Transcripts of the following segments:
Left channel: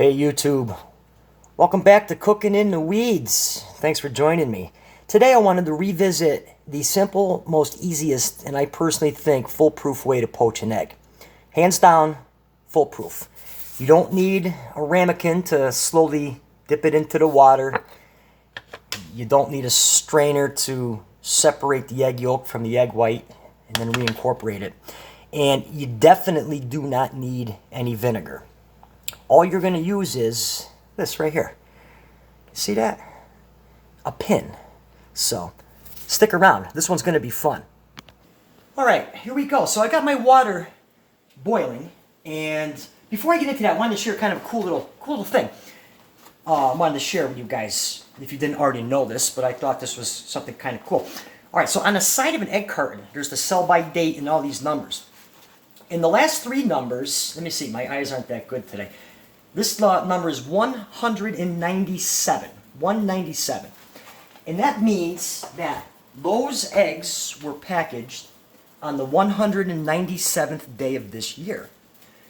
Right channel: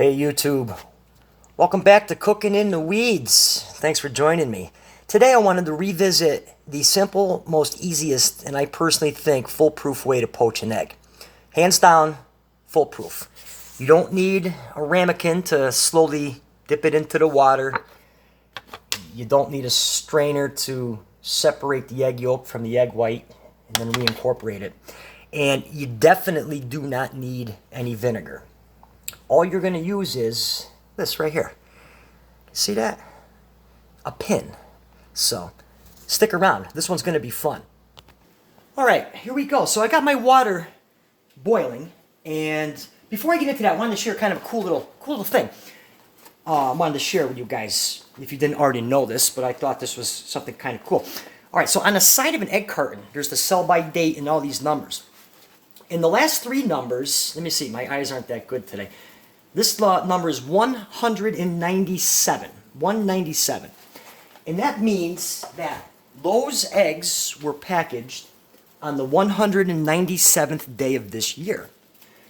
Hey YouTube, welcome back to Cooking in the Weeds. Thanks for joining me. Today I wanted to revisit the simple, most easiest, and I personally think foolproof way to poach an egg. Hands down, foolproof. You don't need a ramekin to slowly dip it into the water. You don't need a strainer to separate the egg yolk from the egg white and then reincorporate it. And you definitely do not need any vinegar. All you're going to use is this right here. See that? A pin. So stick around. This one's going to be fun. All right, here we go. So I got my water boiling, and before I get into that, I wanted to share kind of a cool little thing. I wanted to share with you guys if you didn't already know this, but I thought this was something kind of cool. All right, so on the side of an egg carton, there's the sell-by date and all these numbers. In the last three numbers, let me see, my eyes aren't that good today. This number is 197. 197. And that means that those eggs were packaged on the 197th day of this year.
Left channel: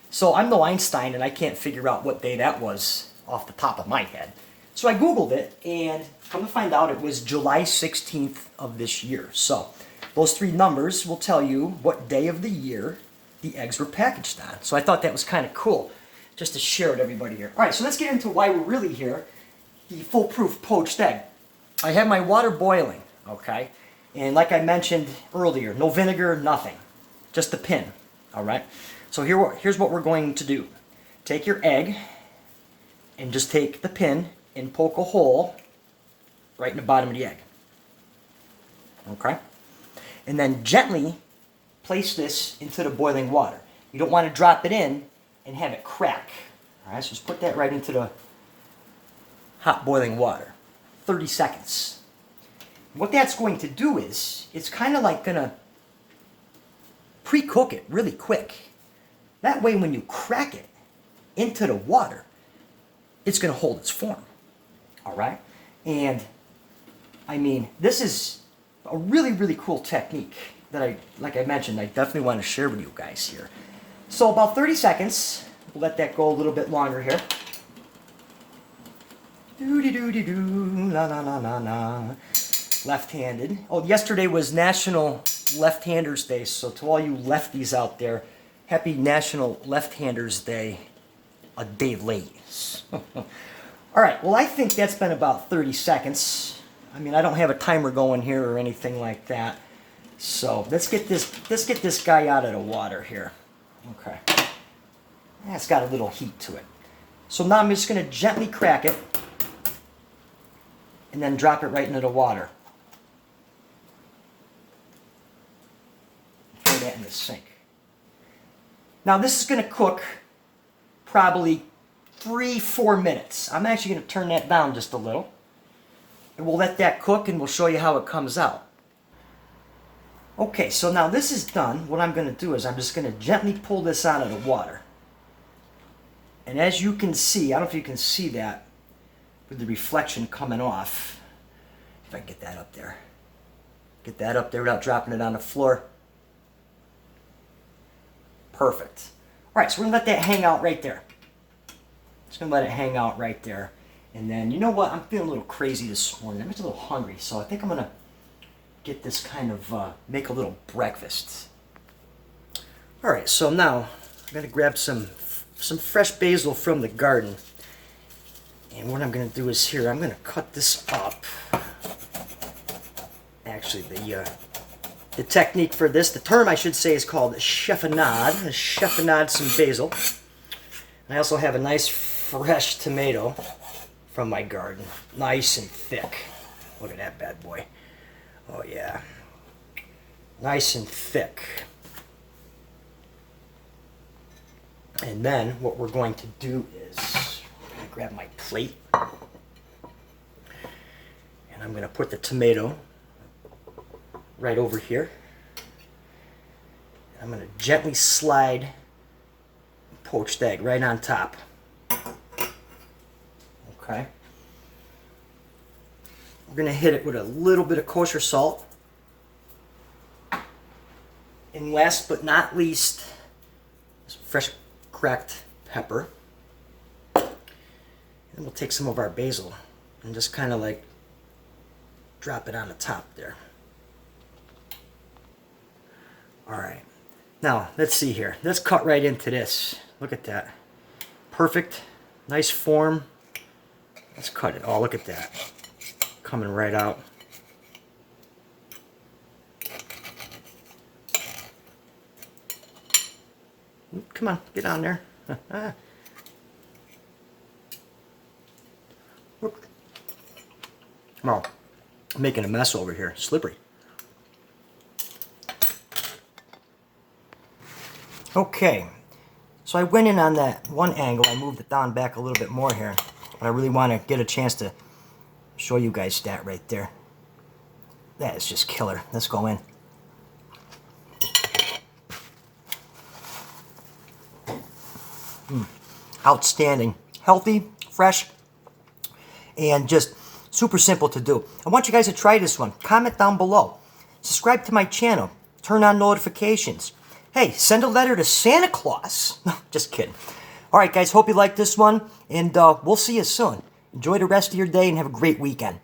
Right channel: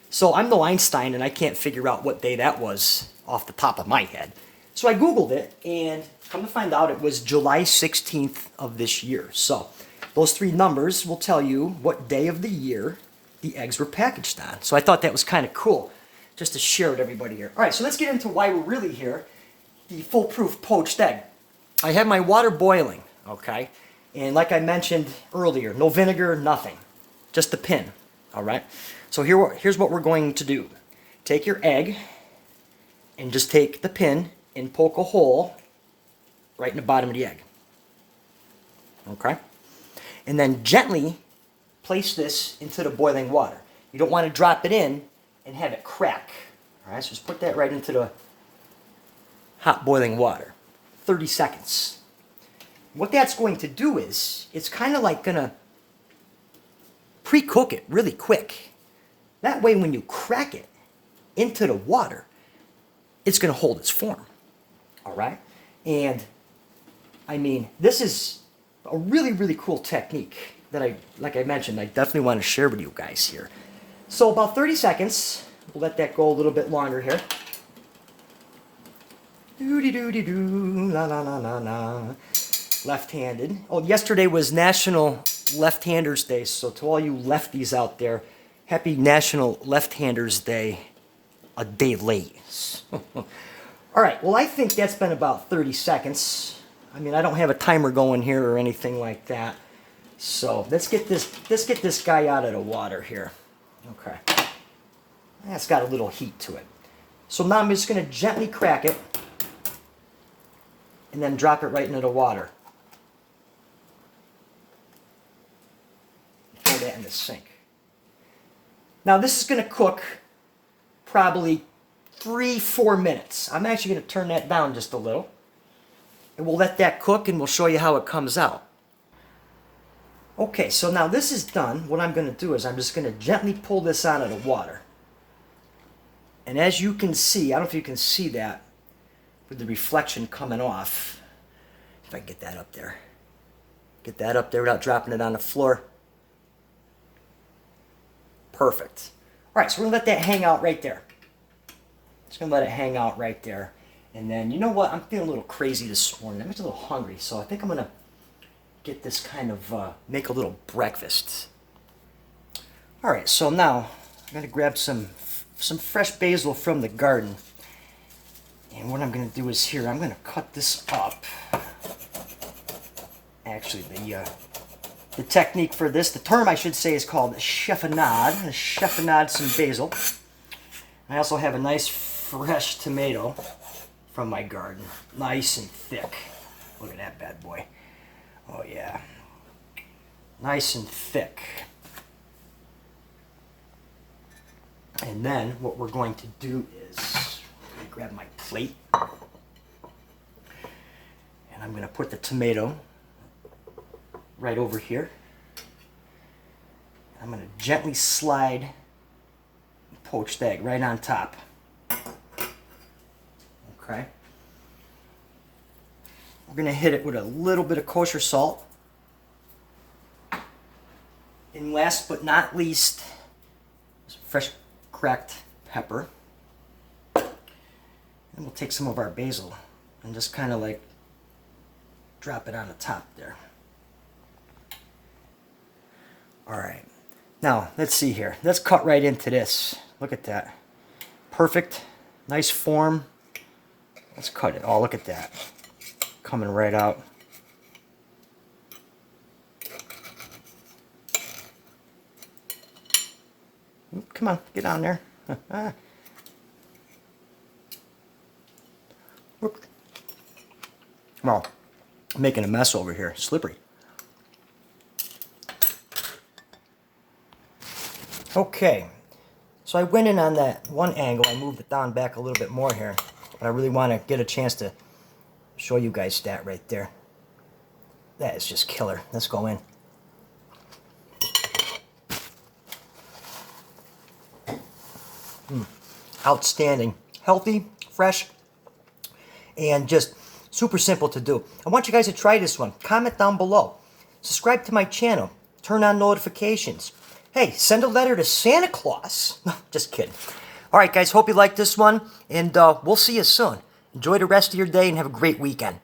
So I'm no Einstein, and I can't figure out what day that was off the top of my head. So I Googled it, and come to find out it was July 16th of this year. So those three numbers will tell you what day of the year the eggs were packaged on. So I thought that was kind of cool, just to share with everybody here. All right, so let's get into why we're really here, the foolproof poached egg. I have my water boiling, okay? And like I mentioned earlier, no vinegar, nothing. Just a pin, all right? So here's what we're going to do. Take your egg and just take the pin and poke a hole right in the bottom of the egg. Okay? And then gently place this into the boiling water. You don't want to drop it in and have it crack. All right, so just put that right into the hot boiling water. 30 seconds. What that's going to do is, it's kind of like going to pre-cook it really quick. That way when you crack it into the water, it's going to hold its form. All right? And, I mean, this is a really, really cool technique that like I mentioned, I definitely want to share with you guys here. So about 30 seconds, we'll let that go a little bit longer here. Doo-dee-doo-dee-doo, la-la-la-la-la. Left-handed. Oh, yesterday was National Left-Handers Day, so to all you lefties out there, happy National Left-Handers Day a day late. All right, well, I think that's been about 30 seconds. I mean, I don't have a timer going here or anything like that. So let's get this guy out of the water here. Okay. That's got a little heat to it. So now I'm just going to gently crack it and then drop it right into the water. Throw that in the sink. Now this is going to cook probably 3-4 minutes. I'm actually going to turn that down just a little. And we'll let that cook and we'll show you how it comes out. Okay, so now this is done. What I'm going to do is I'm just going to gently pull this out of the water. And as you can see, I don't know if you can see that with the reflection coming off. If I can get that up there. Get that up there without dropping it on the floor. Perfect. All right, so we're going to let that hang out right there. Just going to let it hang out right there. And then, you know what? I'm feeling a little crazy this morning. I'm just a little hungry, so I think I'm going to get this kind of, make a little breakfast. All right, so now I'm going to grab some fresh basil from the garden. And what I'm going to do is here, I'm going to cut this up. Actually, the technique for this, the term I should say, is called chiffonade. Chiffonade some basil. And I also have a nice fresh tomato from my garden. Nice and thick. Look at that bad boy. Oh yeah, nice and thick. And then what we're going to do is, I'm going to grab my plate, and I'm going to put the tomato right over here. I'm going to gently slide poached egg right on top. Okay. We're going to hit it with a little bit of kosher salt. And last but not least, some fresh cracked pepper. And we'll take some of our basil and just kind of like drop it on the top there. All right. Now, let's see here. Let's cut right into this. Look at that. Perfect. Nice form. Let's cut it. Oh, look at that. Coming right out. Come on, get down there. Well, I'm making a mess over here. Slippery. Okay, so I went in on that one angle. I moved it down back a little bit more here, but I really want to get a chance to show you guys that right there. That is just killer. Let's go in. Outstanding. Healthy, fresh, and just super simple to do. I want you guys to try this one. Comment down below. Subscribe to my channel. Turn on notifications. Hey, send a letter to Santa Claus. No, just kidding. All right, guys, hope you like this one, and we'll see you soon. Enjoy the rest of your day and have a great weekend.